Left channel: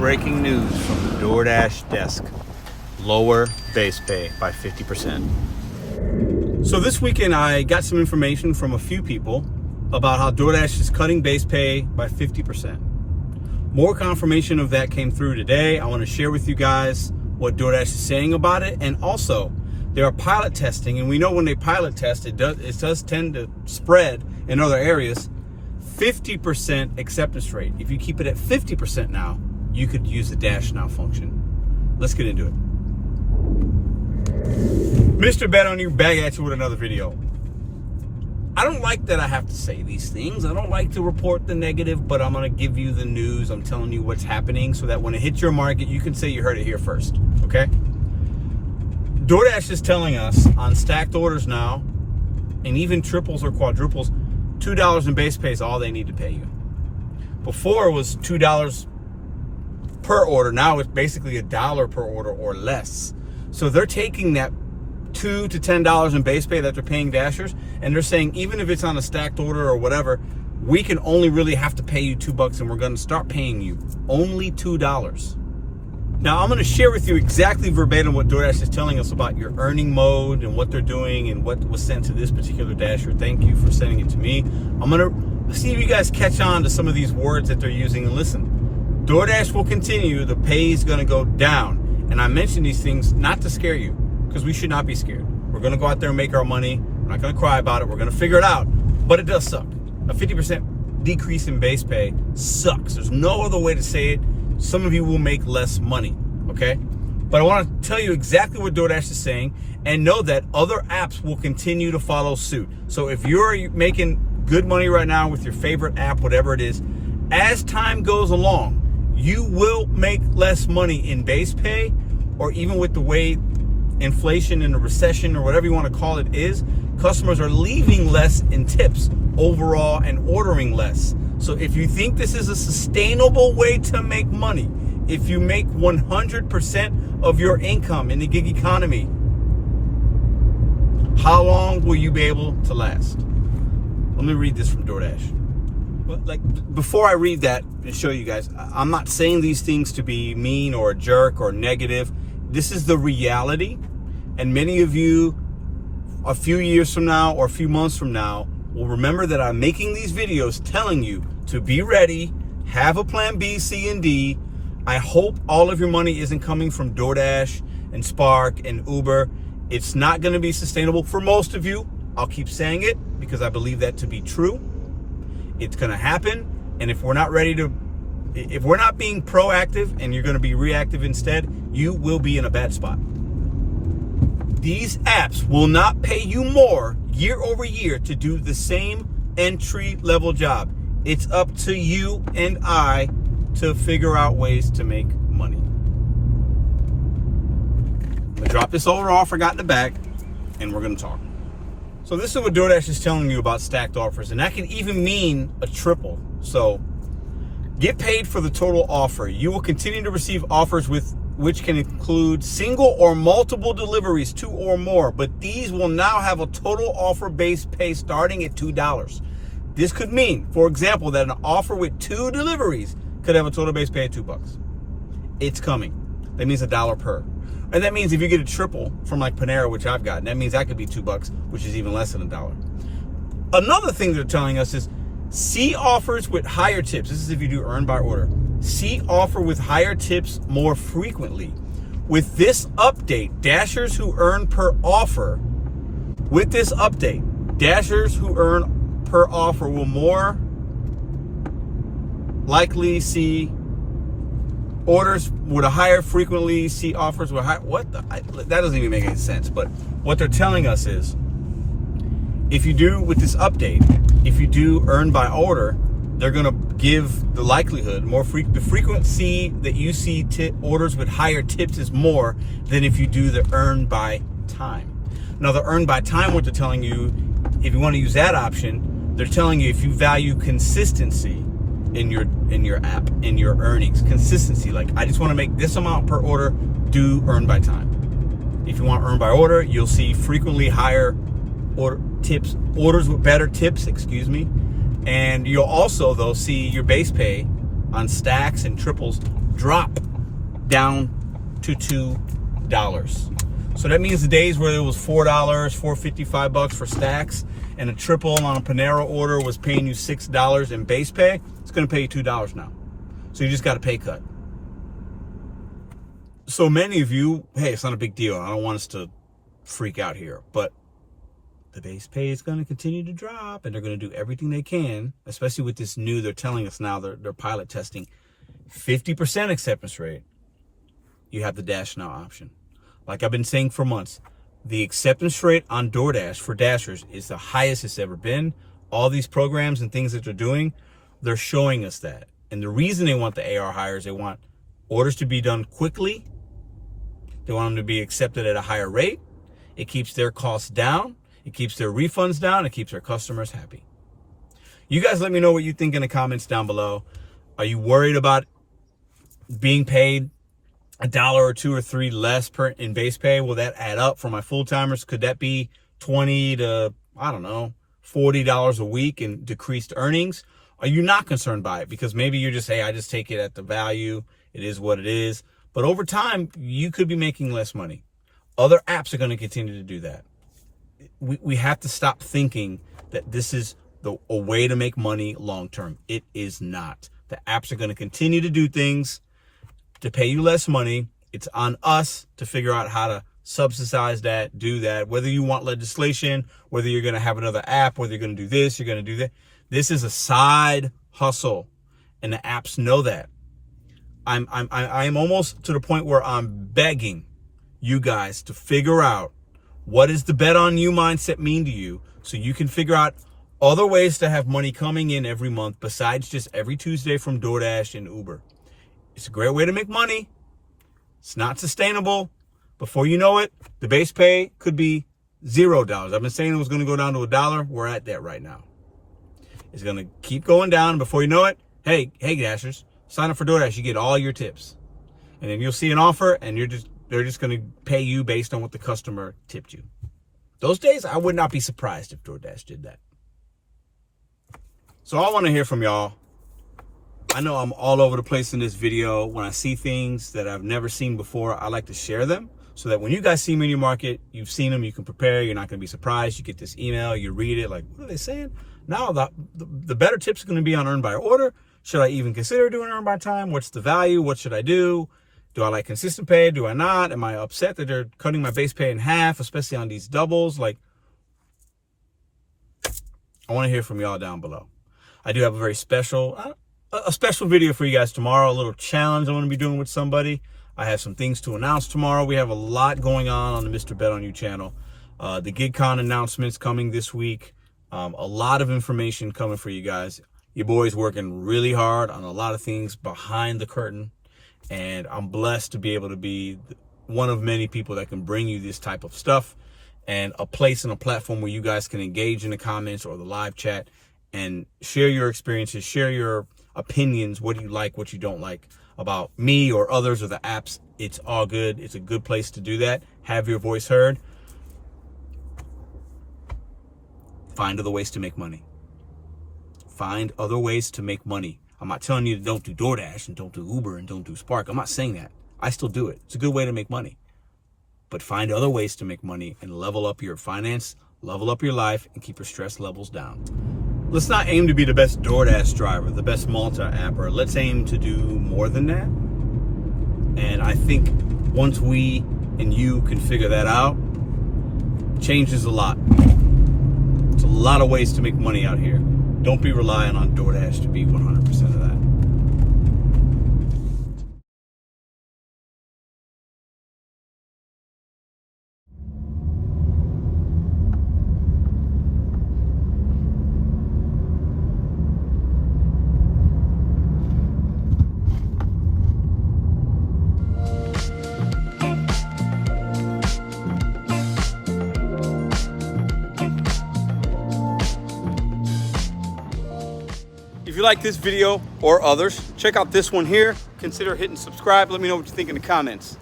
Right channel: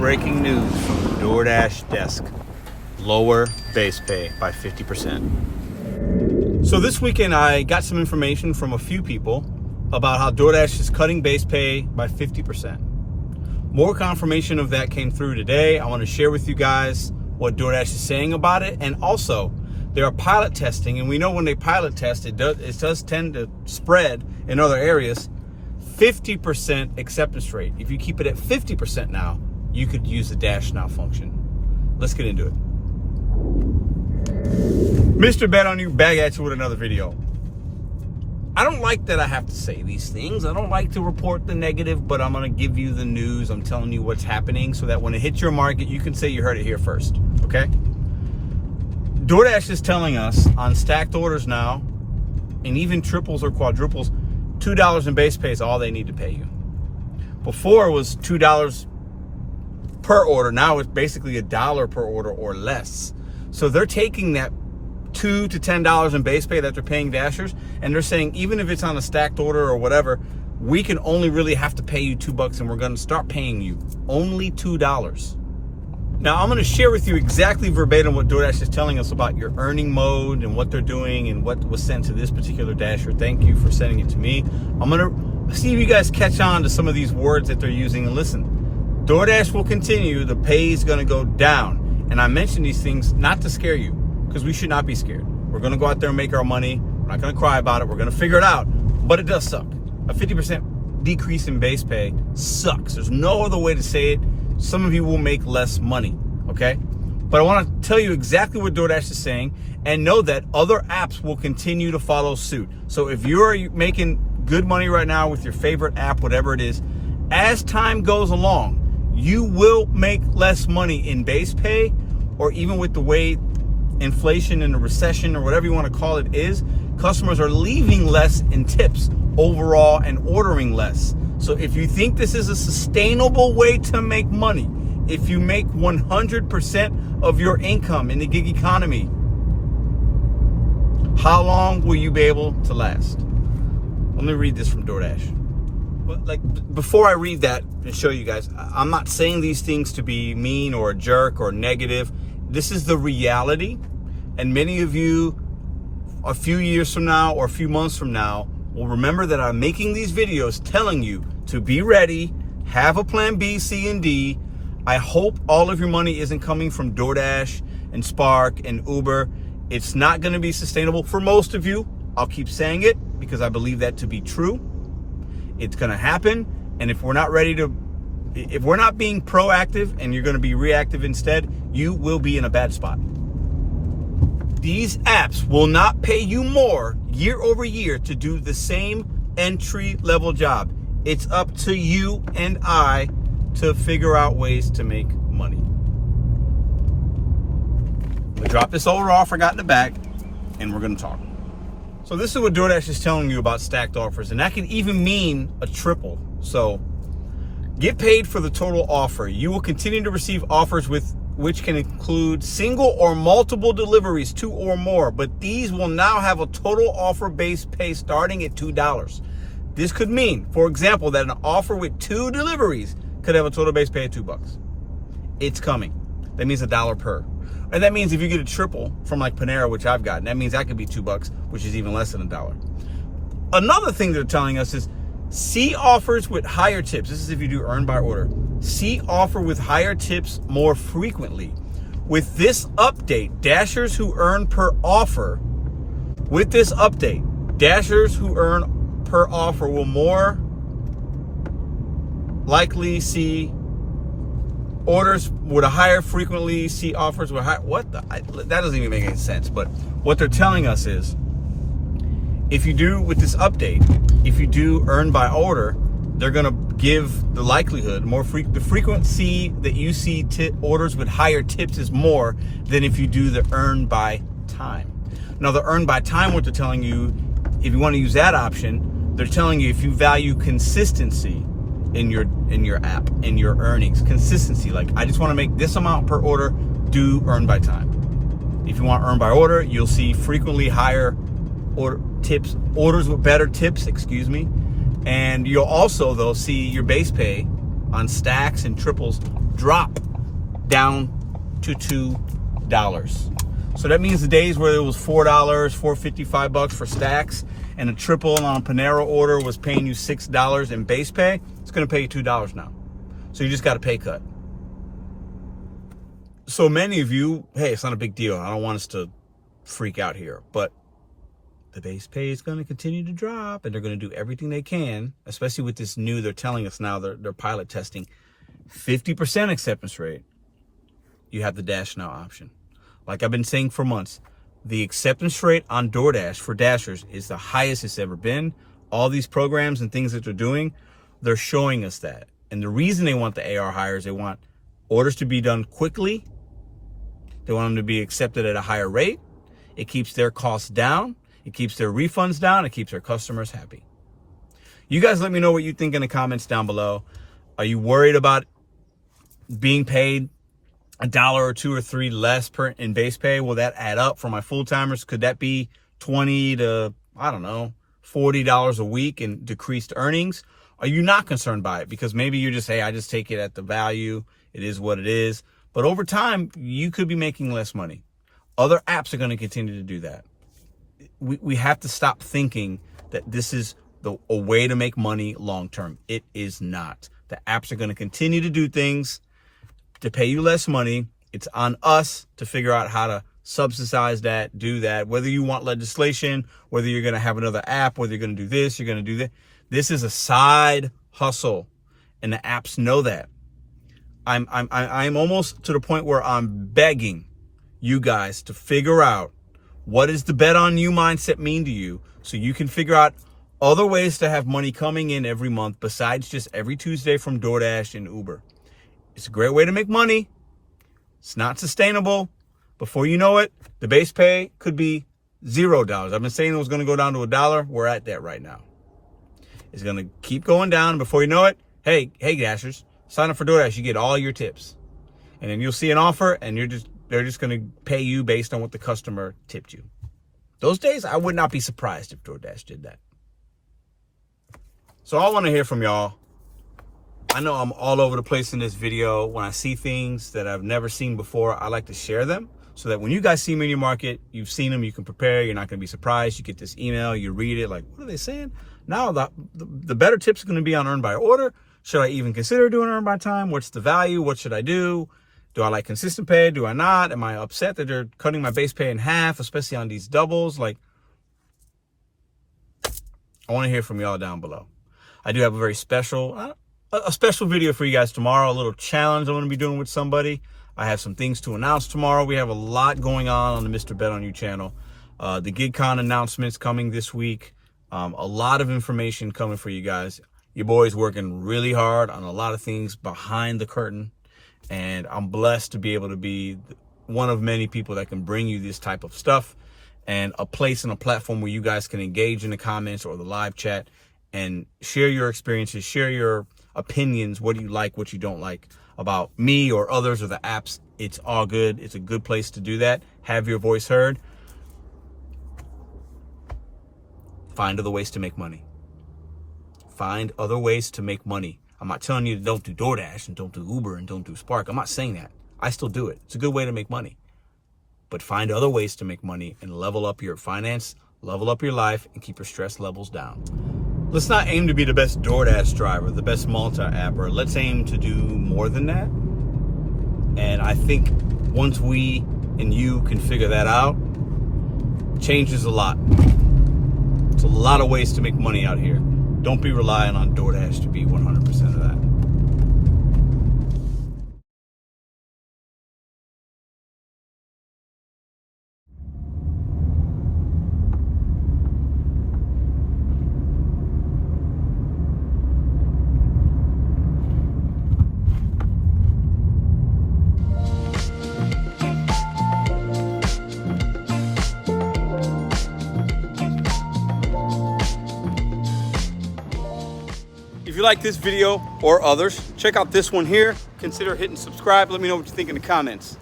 breaking news from the DoorDash desk. Lower base pay by 50%. So this weekend I got some information from a few people about how DoorDash is cutting base pay by 50%. More confirmation of that came through today. I want to share with you guys what DoorDash is saying about it, and also they are pilot testing, and we know when they pilot test, it does tend to spread in other areas. 50% acceptance rate. If you keep it at 50% now, you could use the Dash Now function. Let's get into it. Mr. Bet on You back at you with another video. I don't like that I have to say these things. I don't like to report the negative, but I'm going to give you the news. I'm telling you what's happening so that when it hits your market, you can say you heard it here first, okay? DoorDash is telling us on stacked orders now, and even triples or quadruples, $2 in base pay is all they need to pay you. Before it was $2 per order. Now it's basically $1 per order or less. So they're taking that $2 to $10 in base pay that they're paying Dashers, and they're saying even if it's on a stacked order or whatever, we can only really have to pay you $2, and we're going to start paying you only $2. Now I'm going to share with you exactly verbatim what DoorDash is telling us about your earning mode and what they're doing and what was sent to this particular Dasher. Thank you for sending it to me. I'm going to see if you guys catch on to some of these words that they're using. And listen, DoorDash will continue. The pay is going to go down. And I mention these things not to scare you, because we should not be scared. We're going to go out there and make our money. We're not going to cry about it. We're going to figure it out. But it does suck. A 50% decrease in base pay sucks. There's no other way to say it. Some of you will make less money, okay? But I want to tell you exactly what DoorDash is saying, and know that other apps will continue to follow suit. So if you're making good money right now with your favorite app, whatever it is, as time goes along, you will make less money in base pay, or even with the way inflation and the recession or whatever you want to call it is, customers are leaving less in tips overall and ordering less. So if you think this is a sustainable way to make money, if you make 100% of your income in the gig economy, how long will you be able to last? Let me read this from DoorDash. But before I read that and show you guys, I'm not saying these things to be mean or a jerk or negative. This is the reality. And many of you, a few years from now or a few months from now, will remember that I'm making these videos telling you to be ready, have a plan B, C, and D. I hope all of your money isn't coming from DoorDash and Spark and Uber. It's not going to be sustainable for most of you. I'll keep saying it because I believe that to be true. It's going to happen. And if we're not ready to, if we're not being proactive and you're going to be reactive instead, you will be in a bad spot. These apps will not pay you more year over year to do the same entry level job. It's up to you and I to figure out ways to make money. I'm gonna drop this order off I got in the bag, and we're gonna talk. So this is what DoorDash is telling you about stacked offers, and that can even mean a triple. So get paid for the total offer. You will continue to receive offers which can include single or multiple deliveries, 2 or more, but these will now have a total offer base pay starting at $2. This could mean, for example, that an offer with 2 deliveries could have a total base pay of $2. It's coming. That means $1 per. And that means if you get a triple from like Panera, which I've gotten, that means that could be $2, which is even less than $1. Another thing they're telling us is see offers with higher tips. This is if you do earn by order. See offer with higher tips more frequently. With this update, Dashers who earn per offer, with this update, Dashers who earn per offer will more likely see orders with a higher frequently, see offers with high, that doesn't even make any sense. But what they're telling us is, if you do with this update, if you do earn by order, they're going to give the likelihood the frequency that you see orders with higher tips is more than if you do the earn by time. Now the earn by time, what they're telling you, if you want to use that option, they're telling you if you value consistency in your app, in your earnings, consistency, like I just want to make this amount per order, do earn by time. If you want earn by order, you'll see frequently higher orders with better tips, and you'll also though see your base pay on stacks and triples drop down to $2. So that means the days where it was $4, $4.55 for stacks, and a triple on a Panera order was paying you $6 in base pay, it's going to pay you $2 now. So you just got a pay cut. So many of you, hey, it's not a big deal. I don't want us to freak out here, but the base pay is going to continue to drop, and they're going to do everything they can, especially with this new, they're telling us now, they're pilot testing 50% acceptance rate. You have the Dash Now option. Like I've been saying for months, the acceptance rate on DoorDash for Dashers is the highest it's ever been. All these programs and things that they're doing, they're showing us that. And the reason they want the AR higher is they want orders to be done quickly. They want them to be accepted at a higher rate. It keeps their costs down. It keeps their refunds down. It keeps their customers happy. You guys let me know what you think in the comments down below. Are you worried about being paid $1 or $2 or $3 less in base pay? Will that add up for my full-timers? Could that be $20 to, I don't know, $40 a week in decreased earnings? Are you not concerned by it? Because maybe you just say, I just take it at the value. It is what it is. But over time, you could be making less money. Other apps are going to continue to do that. We have to stop thinking that this is a way to make money long-term. It is not. The apps are going to continue to do things to pay you less money. It's on us to figure out how to subsidize that, do that, whether you want legislation, whether you're going to have another app, whether you're going to do this, you're going to do that. This is a side hustle, and the apps know that. I'm almost to the point where I'm begging you guys to figure out what does the bet on you mindset mean to you, so you can figure out other ways to have money coming in every month besides just every Tuesday from DoorDash and Uber. It's a great way to make money. It's not sustainable. Before you know it, the base pay could be $0. I've been saying it was going to go down to $1. We're at that right now. It's going to keep going down. Before you know it, hey Dashers, sign up for DoorDash. You get all your tips. And then you'll see an offer, and they're just going to pay you based on what the customer tipped you. Those days, I would not be surprised if DoorDash did that. So I want to hear from y'all. I know I'm all over the place in this video. When I see things that I've never seen before, I like to share them so that when you guys see me in your market, you've seen them, you can prepare. You're not going to be surprised. You get this email, you read it, like, what are they saying? Now the better tips are going to be on earn by order. Should I even consider doing earn by time? What's the value? What should I do? Do I like consistent pay? Do I not? Am I upset that they're cutting my base pay in half, especially on these doubles? Like, I want to hear from y'all down below. I do have a very special video for you guys tomorrow, a little challenge I'm going to be doing with somebody. I have some things to announce tomorrow. We have a lot going on the Mr. Bet On You channel. The GigCon announcements coming this week. A lot of information coming for you guys. Your boy's working really hard on a lot of things behind the curtain. And I'm blessed to be able to be one of many people that can bring you this type of stuff, and a place and a platform where you guys can engage in the comments or the live chat and share your experiences, share your opinions, what do you like, what you don't like about me or others or the apps. It's all good. It's a good place to do that. Have your voice heard. Find other ways to make money. Find other ways to make money. I'm not telling you to don't do DoorDash and don't do Uber and don't do Spark. I'm not saying that. I still do it. It's a good way to make money. But find other ways to make money and level up your finance, level up your life, and keep your stress levels down. Let's not aim to be the best DoorDash driver, the best multi-apper. Let's aim to do more than that. And I think once we and you can figure that out, changes a lot. It's a lot of ways to make money out here. Don't be relying on DoorDash to be 100% of that. If you like this video or others, check out this one here. Consider hitting subscribe. Let me know what you think in the comments.